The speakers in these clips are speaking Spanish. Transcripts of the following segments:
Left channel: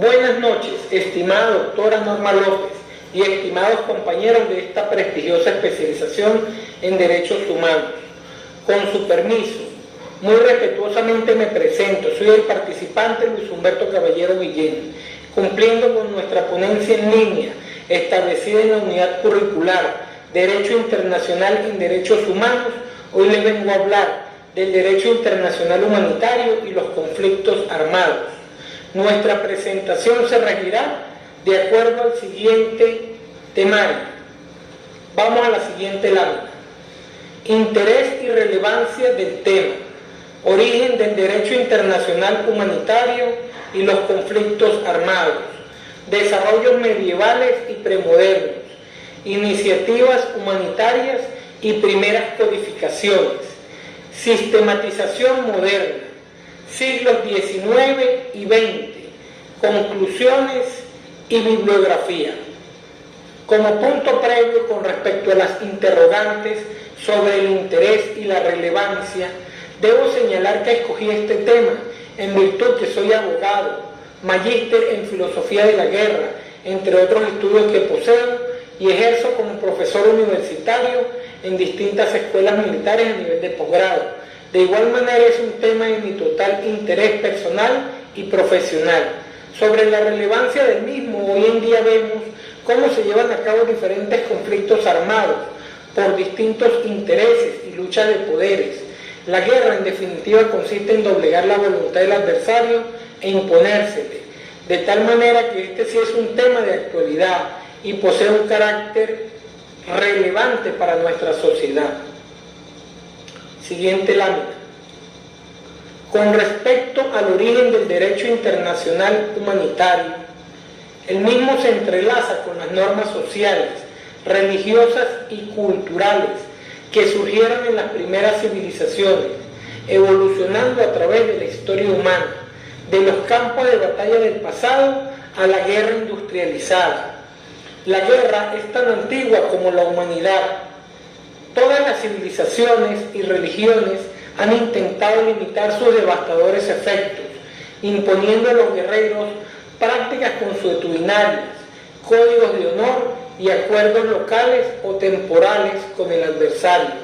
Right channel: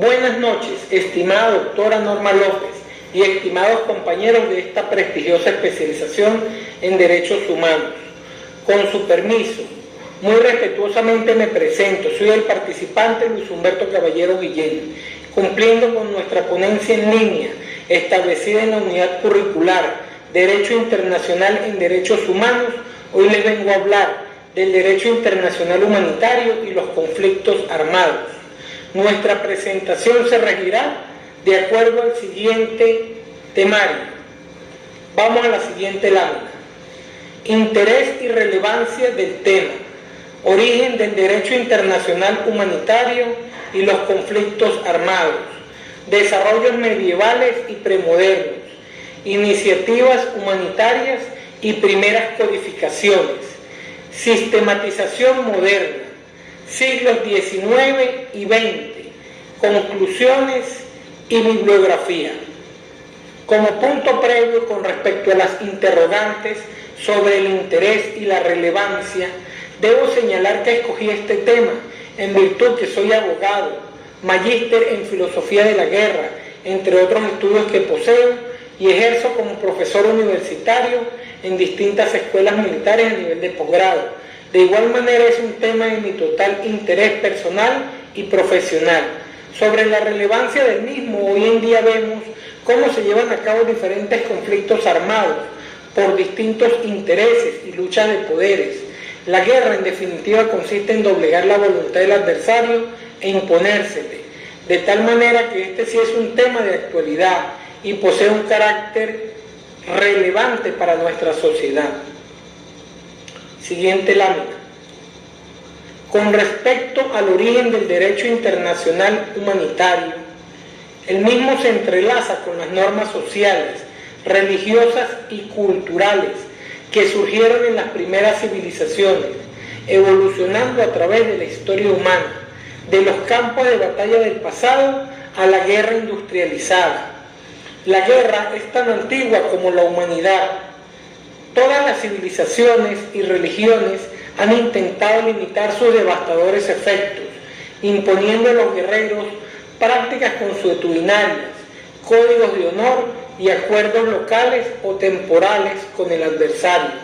Buenas noches, estimada doctora Norma López y estimados compañeros de esta prestigiosa especialización en Derechos Humanos. Con su permiso, muy respetuosamente me presento. Soy el participante Luis Humberto Caballero Guillén, cumpliendo con nuestra ponencia en línea establecida en la unidad curricular Derecho Internacional en Derechos Humanos. Hoy les vengo a hablar del derecho internacional humanitario y los conflictos armados. Nuestra presentación se regirá de acuerdo al siguiente temario. Vamos a la siguiente lámina. Interés y relevancia del tema. Origen del derecho internacional humanitario y los conflictos armados. Desarrollos medievales y premodernos. Iniciativas humanitarias y primeras codificaciones. Sistematización moderna. Siglos XIX y XX. Conclusiones y bibliografía. Como punto previo con respecto a las interrogantes sobre el interés y la relevancia, debo señalar que escogí este tema en virtud que soy abogado, magíster en filosofía de la guerra, entre otros estudios que poseo, y ejerzo como profesor universitario en distintas escuelas militares a nivel de posgrado. De igual manera es un tema de mi total interés personal y profesional. Sobre la relevancia del mismo, hoy en día vemos cómo se llevan a cabo diferentes conflictos armados por distintos intereses y luchas de poderes. La guerra, en definitiva, consiste en doblegar la voluntad del adversario e imponérsele, de tal manera que este sí es un tema de actualidad y posee un carácter relevante para nuestra sociedad. Siguiente lámina. Con respecto al origen del derecho internacional humanitario, el mismo se entrelaza con las normas sociales, religiosas y culturales que surgieron en las primeras civilizaciones, evolucionando a través de la historia humana, de los campos de batalla del pasado a la guerra industrializada. La guerra es tan antigua como la humanidad. Todas las civilizaciones y religiones han intentado limitar sus devastadores efectos, imponiendo a los guerreros prácticas consuetudinarias, códigos de honor y acuerdos locales o temporales con el adversario.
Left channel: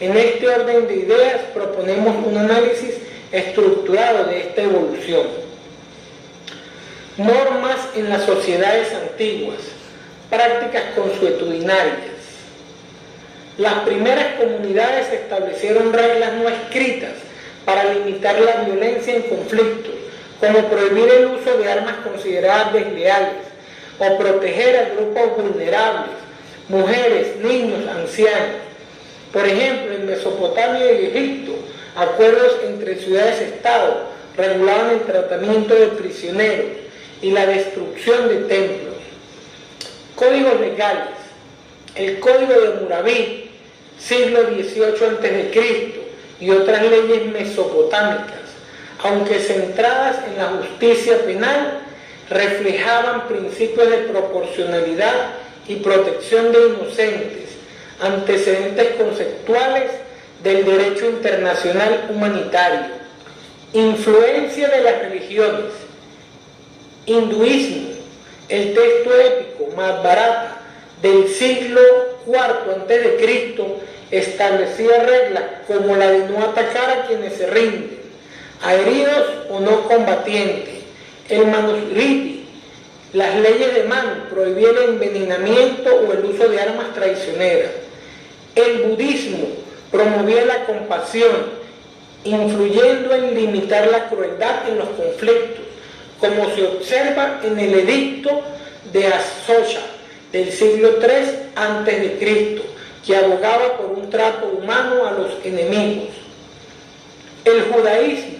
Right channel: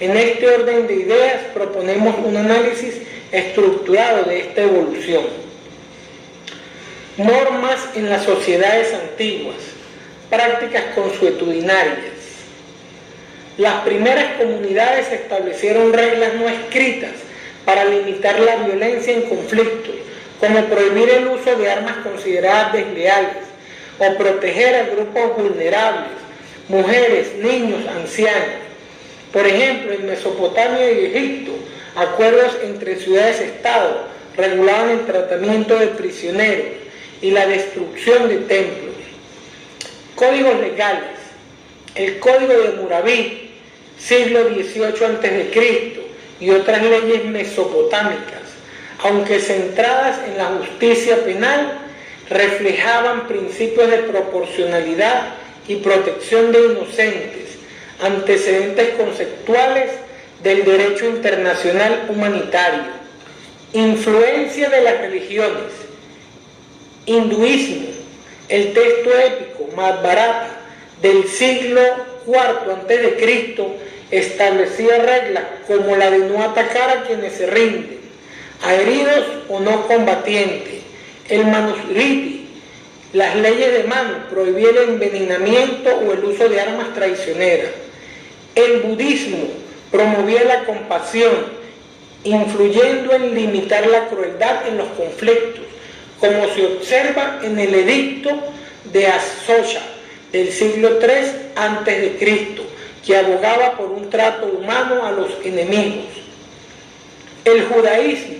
En este orden de ideas proponemos un análisis estructurado de esta evolución. Normas en las sociedades antiguas, prácticas consuetudinarias. Las primeras comunidades establecieron reglas no escritas para limitar la violencia en conflictos, como prohibir el uso de armas consideradas desleales o proteger a grupos vulnerables, mujeres, niños, ancianos. Por ejemplo, en Mesopotamia y Egipto, acuerdos entre ciudades-estado regulaban el tratamiento de prisioneros y la destrucción de templos. Códigos legales. El Código de Hammurabi, siglo XVIII a.C., y otras leyes mesopotámicas, aunque centradas en la justicia penal, reflejaban principios de proporcionalidad y protección de inocentes, antecedentes conceptuales del derecho internacional humanitario. Influencia de las religiones. Hinduismo. El texto épico Mahabharata del siglo IV a.C. establecía reglas como la de no atacar a quienes se rinden, a heridos o no combatientes. El Manusmriti, las leyes de Manu, prohibían el envenenamiento o el uso de armas traicioneras. El budismo promovía la compasión, influyendo en limitar la crueldad en los conflictos, como se observa en el edicto de Ashoka del siglo III a.C., que abogaba por un trato humano a los enemigos. El judaísmo.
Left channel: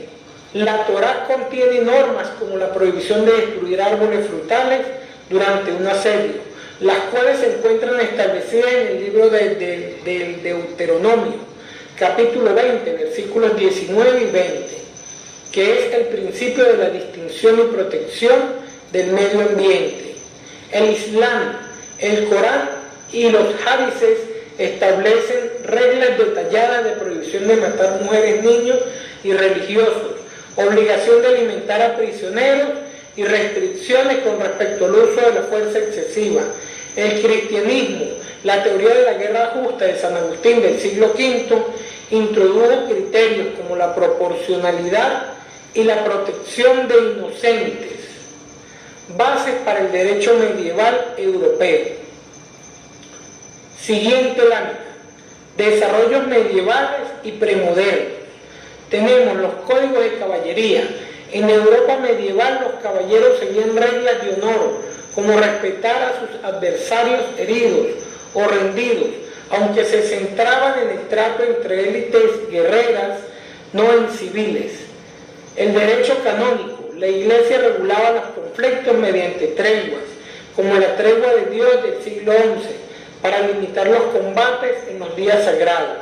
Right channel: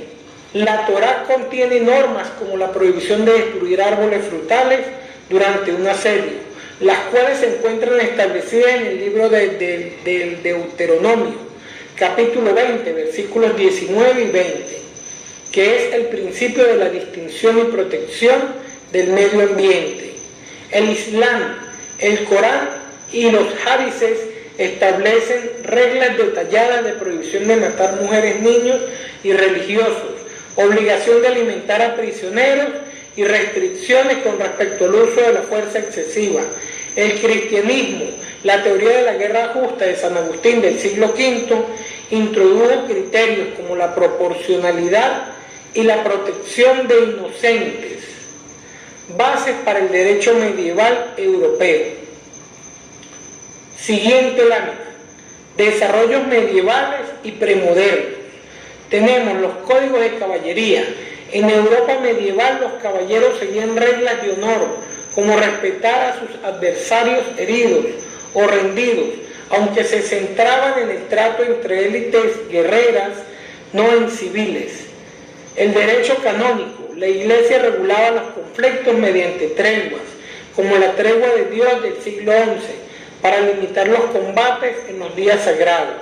La Torá contiene normas como la prohibición de destruir árboles frutales durante un asedio, las cuales se encuentran establecidas en el libro del Deuteronomio, capítulo 20, versículos 19 y 20, que es el principio de la distinción y protección del medio ambiente. El Islam, el Corán y los hadices establecen reglas detalladas de prohibición de matar mujeres, niños y religiosos, obligación de alimentar a prisioneros y restricciones con respecto al uso de la fuerza excesiva. El cristianismo, la teoría de la guerra justa de San Agustín del siglo V, introdujo criterios como la proporcionalidad y la protección de inocentes, bases para el derecho medieval europeo. Siguiente lámina. Desarrollos medievales y premodernos. Tenemos los códigos de caballería. En Europa medieval los caballeros seguían reglas de honor, como respetar a sus adversarios heridos o rendidos, aunque se centraban en el trato entre élites guerreras, no en civiles. El derecho canónico. La Iglesia regulaba los conflictos mediante treguas, como la tregua de Dios del siglo XI, para limitar los combates en los días sagrados.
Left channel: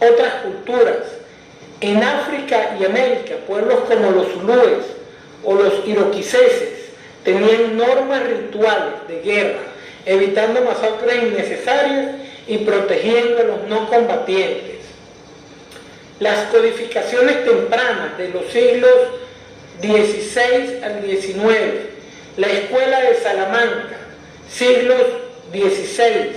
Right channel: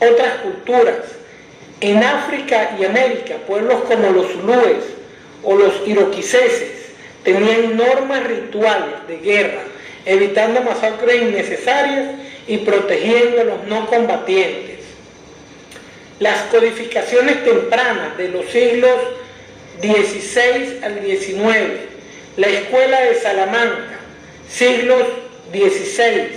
Otras culturas. En África y América, pueblos como los zulúes o los iroquiseses tenían normas rituales de guerra, evitando masacres innecesarias y protegiendo a los no combatientes. Las codificaciones tempranas de los siglos XVI al XIX, la Escuela de Salamanca, siglos XVI,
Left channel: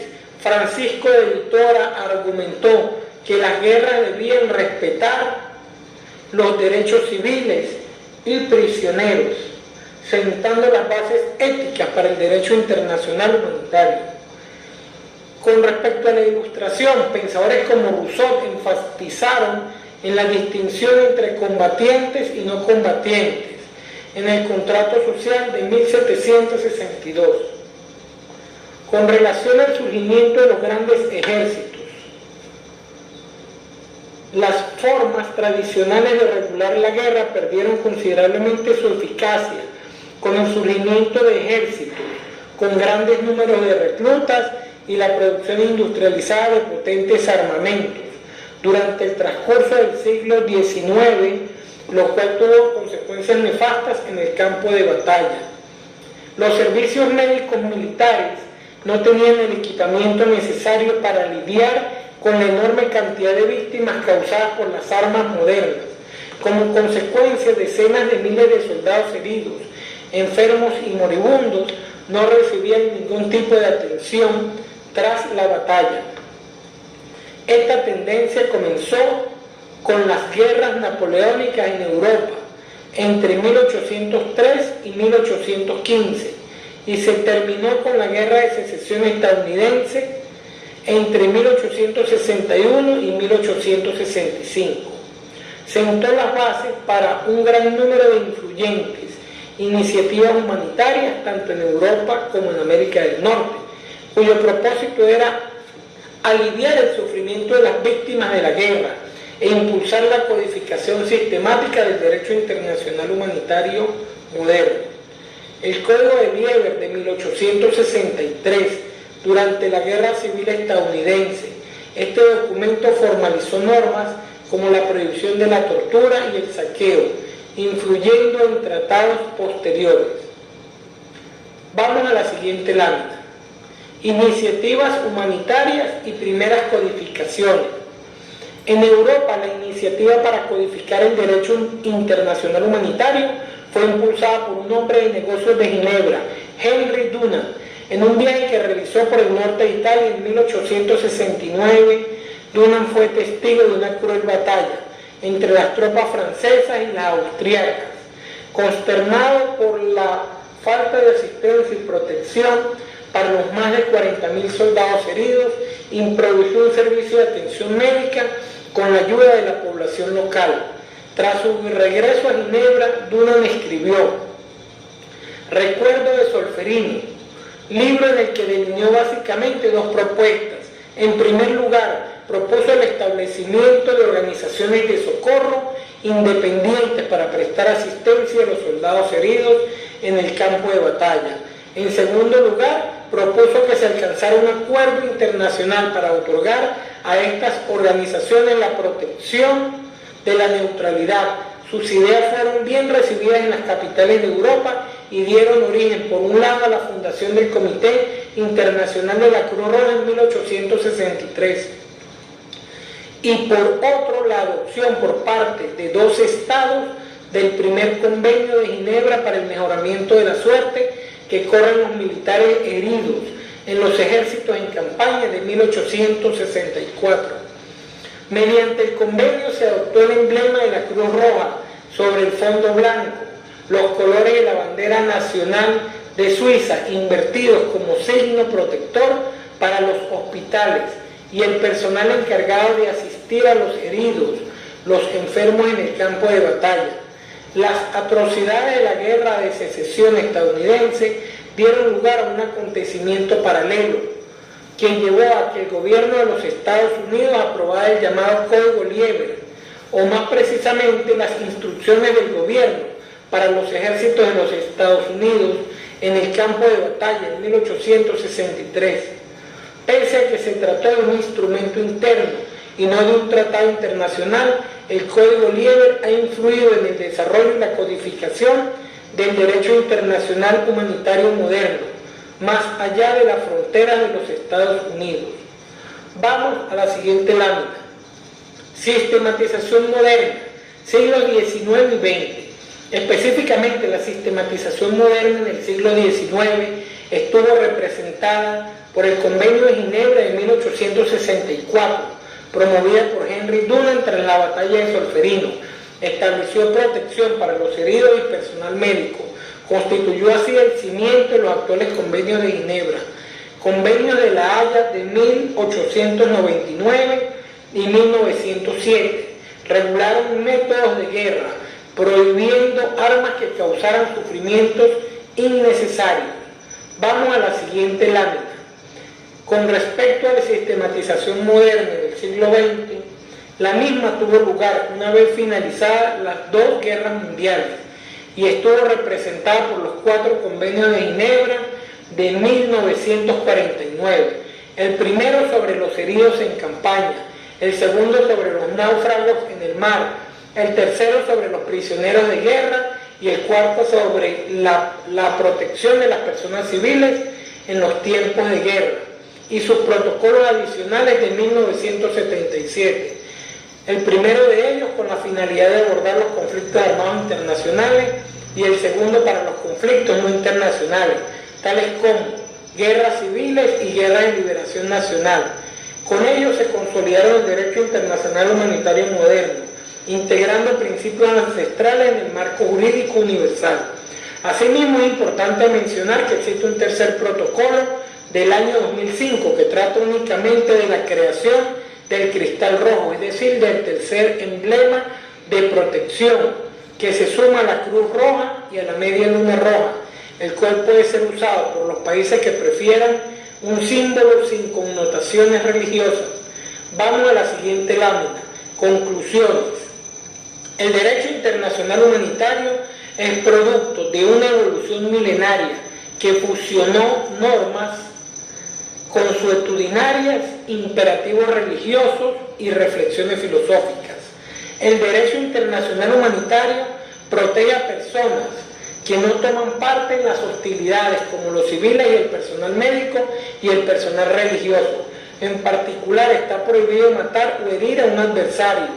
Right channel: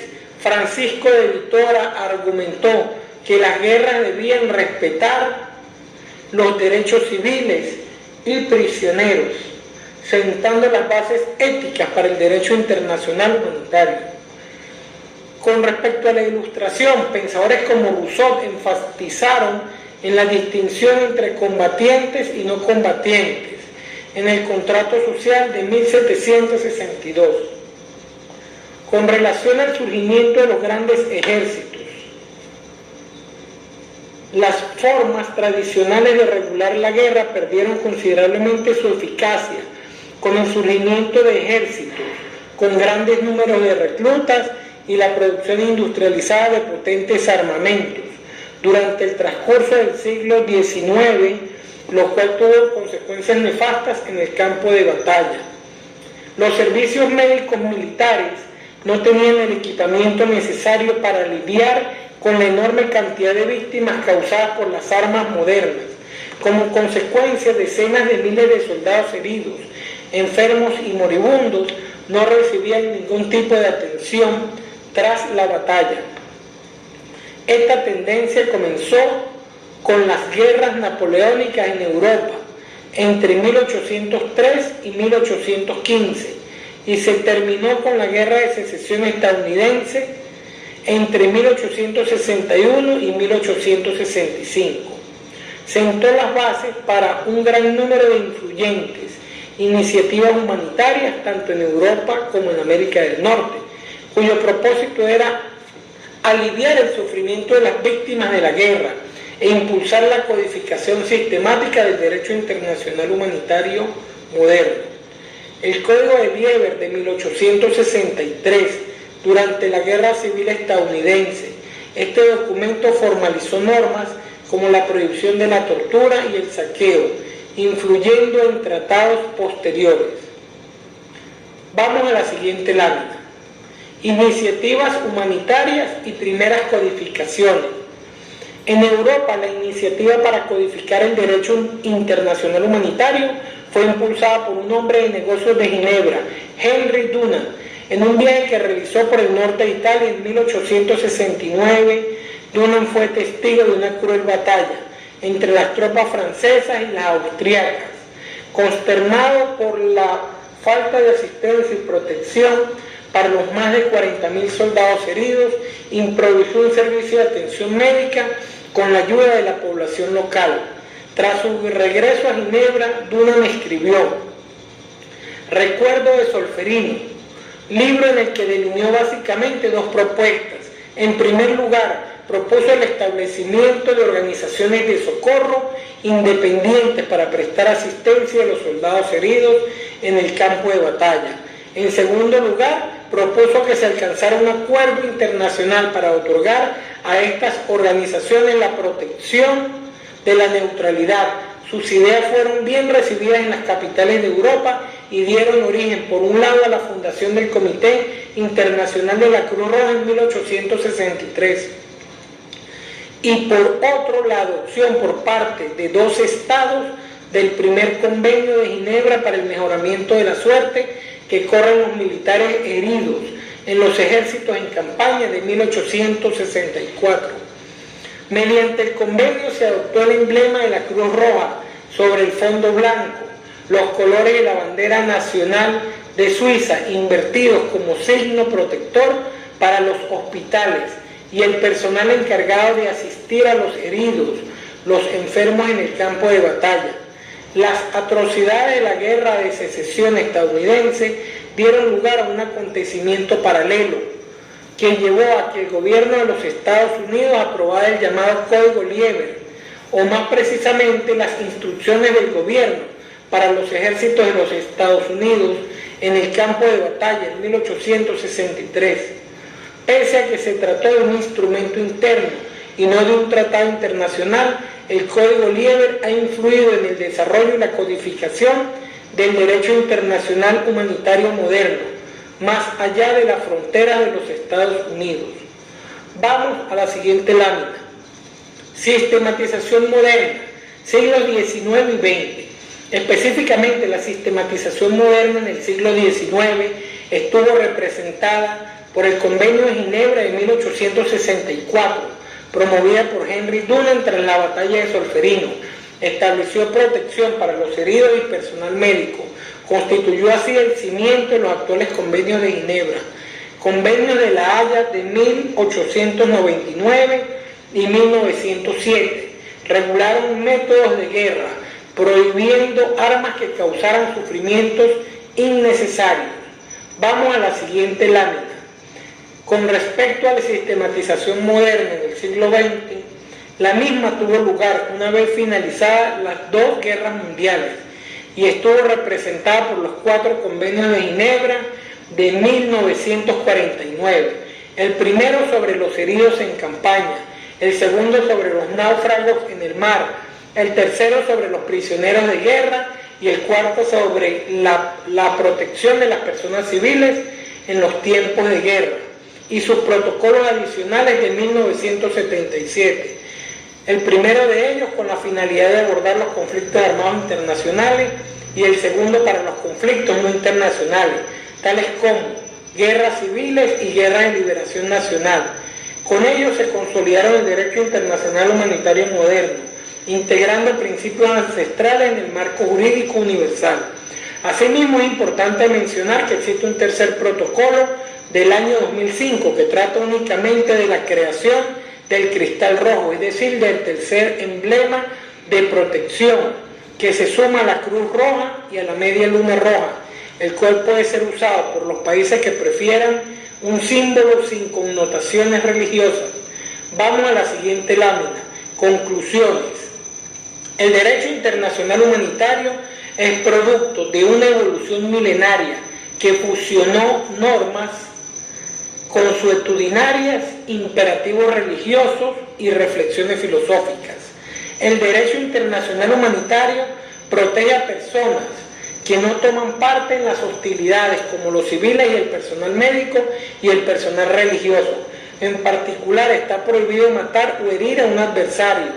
Francisco de Vitoria argumentó que las guerras debían respetar los derechos civiles y prisioneros, sentando las bases éticas para el derecho internacional humanitario. Con respecto a la Ilustración, pensadores como Rousseau enfatizaron en la distinción entre combatientes y no combatientes en el contrato social de 1762. Con relación al surgimiento de los grandes ejércitos, las formas tradicionales de regular la guerra perdieron considerablemente su eficacia con el surgimiento de ejércitos con grandes números de reclutas y la producción industrializada de potentes armamentos durante el transcurso del siglo XIX, lo cual tuvo consecuencias nefastas en el campo de batalla. Los servicios médicos militares no tenían el equipamiento necesario para lidiar con la enorme cantidad de víctimas causadas por las armas modernas. Como consecuencia, decenas de miles de soldados heridos, enfermos y moribundos no recibían ningún tipo de atención tras la batalla. Esta tendencia comenzó con las guerras napoleónicas en Europa entre 1803 y 1815 y se terminó con la Guerra de Secesión estadounidense entre 1861 y 1865. Sentó las bases para un gran número de influyentes iniciativas humanitarias tanto en Europa como en América del Norte, cuyo propósito era aliviar el sufrimiento de las víctimas de la guerra e impulsar la codificación sistemática del derecho internacional humanitario moderno. El Código de Lieber de 1863, durante la Guerra Civil estadounidense, este documento formalizó normas como la prohibición de la tortura y el saqueo, influyendo en tratados posteriores. Vamos a la siguiente lámina. Iniciativas humanitarias y primeras codificaciones. En Europa, la iniciativa para codificar el derecho internacional humanitario fue impulsada por un hombre de negocios de Ginebra, Henry Dunant, en un viaje que realizó por el norte de Italia en 1869. Dunant fue testigo de una cruel batalla entre las tropas francesas y las austriacas. Consternado por la falta de asistencia y protección para los más de 40.000 soldados heridos, improvisó un servicio de atención médica con la ayuda de la población local. Tras su regreso a Ginebra, Dunant escribió Recuerdo de Solferino, libro en el que delineó básicamente dos propuestas. En primer lugar, propuso el establecimiento de organizaciones de socorro independientes para prestar asistencia a los soldados heridos en el campo de batalla. En segundo lugar, propuso que se alcanzara un acuerdo internacional para otorgar a estas organizaciones la protección de la neutralidad. Sus ideas fueron bien recibidas en las capitales de Europa y dieron origen, por un lado, a la fundación del Comité Internacional de la Cruz Roja en 1863 y por otro, la adopción por parte de 2 estados del primer convenio de Ginebra para el mejoramiento de la suerte que corren los militares heridos en los ejércitos en campaña de 1864. Mediante el convenio se adoptó el emblema de la Cruz Roja sobre el fondo blanco, los colores de la bandera nacional de Suiza invertidos como signo protector para los hospitales y el personal encargado de asistir a los heridos, los enfermos en el campo de batalla. Las atrocidades de la guerra de secesión estadounidense dieron lugar a un acontecimiento paralelo, que llevó a que el gobierno de los Estados Unidos aprobara el llamado Código Lieber, o más precisamente las instrucciones del gobierno para los ejércitos de los Estados Unidos en el campo de batalla en 1863. Pese a que se trató de un instrumento interno y no de un tratado internacional, el Código Lieber ha influido en el desarrollo y la codificación del derecho internacional humanitario moderno, más allá de las fronteras de los Estados Unidos. Vamos a la siguiente lámina. Sistematización moderna, siglos XIX y XX. Específicamente, la sistematización moderna en el siglo XIX estuvo representada por el Convenio de Ginebra de 1864, promovida por Henry Dunant tras la batalla de Solferino. Estableció protección para los heridos y personal médico. Constituyó así el cimiento de los actuales convenios de Ginebra. Convenios de La Haya de 1899 y 1907 regularon métodos de guerra, prohibiendo armas que causaran sufrimientos innecesarios. Vamos a la siguiente lámina. Con respecto a la sistematización moderna en el siglo XX, la misma tuvo lugar una vez finalizadas las dos guerras mundiales y estuvo representada por los 4 convenios de Ginebra de 1949. El primero sobre los heridos en campaña, el segundo sobre los náufragos en el mar, el tercero sobre los prisioneros de guerra y el cuarto sobre la protección de las personas civiles en los tiempos de guerra y sus protocolos adicionales de 1977. El primero de ellos con la finalidad de abordar los conflictos armados internacionales y el segundo para los conflictos no internacionales, tales como guerras civiles y guerras de liberación nacional. Con ellos se consolidaron el derecho internacional humanitario moderno, integrando principios ancestrales en el marco jurídico universal. Asimismo, es importante mencionar que existe un tercer protocolo del año 2005 que trata únicamente de la creación del cristal rojo, es decir, del tercer emblema de protección que se suma a la Cruz Roja y a la Media Luna Roja, el cual puede ser usado por los países que prefieran un símbolo sin connotaciones religiosas. Vamos a la siguiente lámina. Conclusiones. El derecho internacional humanitario es producto de una evolución milenaria que fusionó normas consuetudinarias, imperativos religiosos y reflexiones filosóficas. El derecho internacional humanitario protege a personas que no toman parte en las hostilidades, como los civiles y el personal médico y el personal religioso. En particular, está prohibido matar o herir a un adversario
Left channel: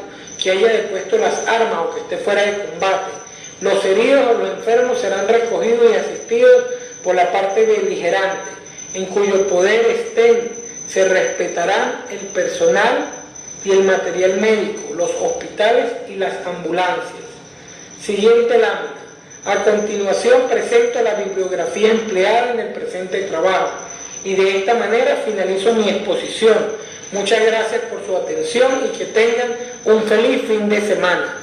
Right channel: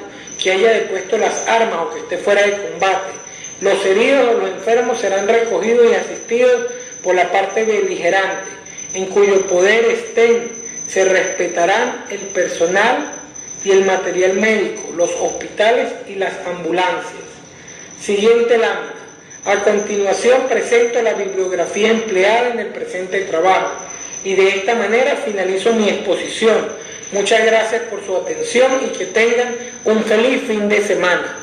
que haya depuesto las armas o que esté fuera de combate. Los heridos o los enfermos serán recogidos y asistidos por la parte beligerante, en cuyo poder estén. Se respetarán el personal y el material médico, los hospitales y las ambulancias. Siguiente lámina. A continuación presento la bibliografía empleada en el presente trabajo y de esta manera finalizo mi exposición. Muchas gracias por su atención y que tengan un feliz fin de semana.